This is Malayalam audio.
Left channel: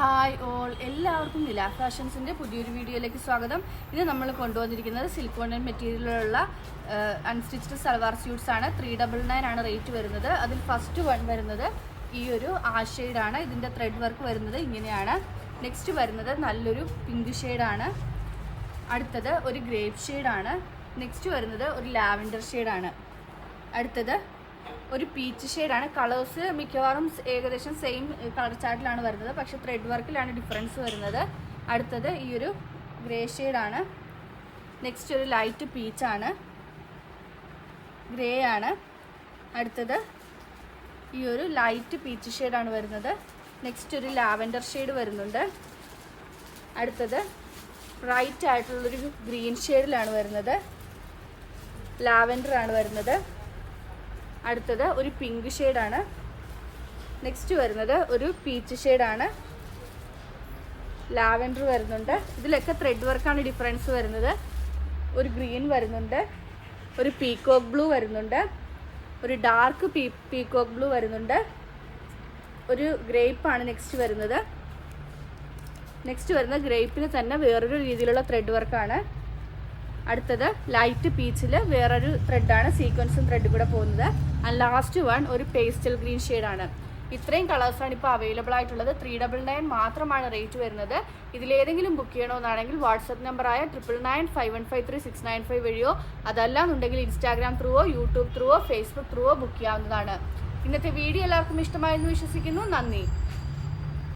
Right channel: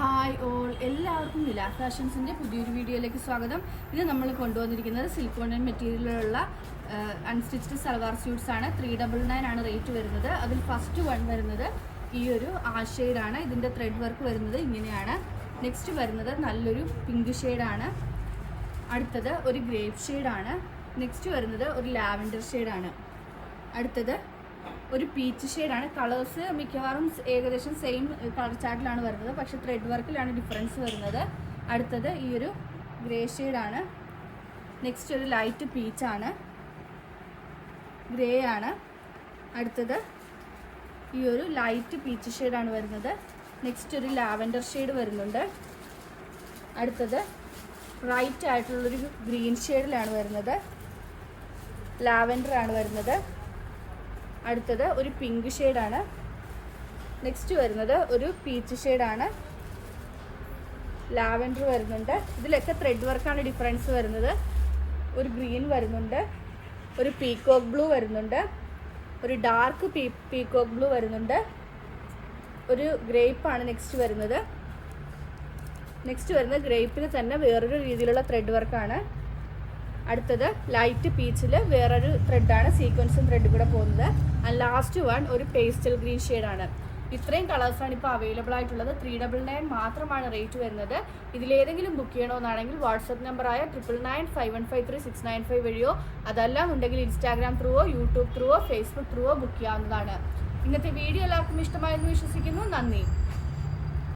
ഹായ് ഓൾ, എല്ലാവർക്കും നില ഫാഷൻസിൻ്റെ പുതിയൊരു വീഡിയോയിലേക്ക് സ്വാഗതം. ഇത് നമ്മൾ കൊണ്ടുവന്നിരിക്കുന്നത് സിലിക്കോൺ മെറ്റീരിയലിലുള്ള അൺസ്റ്റിച്ച്ഡ് സൽവാർ സ്യൂട്ട്സ് ആണ്. 399 ആണ് റേറ്റ് വരുന്നത്. അതിൽ ഫസ്റ്റ് വൺ വരുന്നത് ഈ ഒരു ഷെയ്ഡാണ്. ഇതിൻ്റെ ത്രെഡ് വർക്ക് വരുന്നത് ഇങ്ങനെയാണ്. നെക്സ്റ്റ് വരുന്നത് നല്ലൊരു പിങ്ക് ഷെയ്ഡാണ്. അടുത്തത് ഒരു ഗ്രേപ്പ് ഷെയ്ഡാണ്. നെക്സ്റ്റ് വരുന്നത് ഒരു ലാവൻഡർ ഷെയ്ഡാണ്. അടുത്തത് ഒരു പീച്ച് ഷെയ്ഡാണ്. കളേഴ്സ് മിക്കവാറും ഏകദേശം സെയിം കളർ ചാർട്ടിലാണ് വരുന്നത്, പക്ഷെ ത്രെഡ് വർക്കിലാണ് ഡിഫറൻസ് വരുന്നത്. അടുത്തത് ഈ ഒരു ഗ്രേ ഷെയ്ഡാണ്. നെക്സ്റ്റ് ഒരു ലൈറ്റ് പീച്ചാണ്, ഗ്രേ ആണ്. അടുത്തത് ഈ ഒരു ലൈറ്റ് പീച്ച് ഷെയ്ഡാണ് വരുന്നത്. നെക്സ്റ്റ് ഒരു ലാവൻഡർ ഷെയ്ഡ് വരുന്നുണ്ട്. അടുത്തത് ബ്രൈറ്റ് ആയിട്ടുള്ളൊരു ഗ്രീൻ ഷെയ്ഡിലാണ് വരുന്നത്, ലാവൻഡർ ആണ് വരുന്നത്. അടുത്തത് ഒരു പിങ്ക് ഷെയ്ഡാണ്. നെക്സ്റ്റ് വരുന്നത് ഒരു പീച്ച് ഷെയ്ഡാണ്, ലാവൻഡർ വരുന്നുണ്ട്. ഇതിലൊക്കെ ത്രെഡ് വർക്കാണ് ഡിഫറൻസ് വരുന്നത്. ഒരു ഗ്രീൻ വരുന്നുണ്ട്, ഒരു പീകോക്ക് ബ്ലൂ വരുന്നുണ്ട്, ഒരു ഡാർക്ക് പീകോക്ക് ബ്ലൂ വരുന്നുണ്ട്, ഒരു ഗ്രേപ്പാണ് നെക്സ്റ്റ് വരുന്നത്. നെക്സ്റ്റ് വരുന്ന ഗ്രേപ്പിന് തന്നെ വേറൊരു രീതിയിലുള്ള ത്രെഡ് വർക്കാണ്. അടുത്തത് ലൈറ്റ് പീച്ചിൽ വേറൊരു ത്രെഡാണ്, സീക്വൻസും ത്രെഡും കൂടെ പോകുന്നത്. ആൻഡ് ലാസ്റ്റ് വൺ ഒരു പേസ്റ്റൽ ഗ്രീൻ ഷെയ്ഡാണ്. ഇത്രയും കളേഴ്സാണ് ഇപ്പോൾ അവൈലബിൾ ആയിട്ടുള്ളത്. 399 മാത്രമാണ് റേറ്റ് വരുന്നത്. ഇതിലേതെങ്കിലും ബുക്ക് ചെയ്യണമെന്നാണെങ്കിൽ വാട്സപ്പ് നമ്പറായ 9995153695 വഴിയോ അതല്ലാന്നുണ്ടെങ്കിൽ ഇൻസ്റ്റാഗ്രാം ത്രൂവോ യൂട്യൂബ് ത്രൂവോ ഫേസ്ബുക്ക് ത്രൂവോ ബുക്ക് ചെയ്യാവുന്നതാണ്. ഇന്നത്തെ വീഡിയോ എല്ലാവർക്കും ഇഷ്ടമായെന്ന് വിശ്വസിക്കുന്നു. നന്ദി.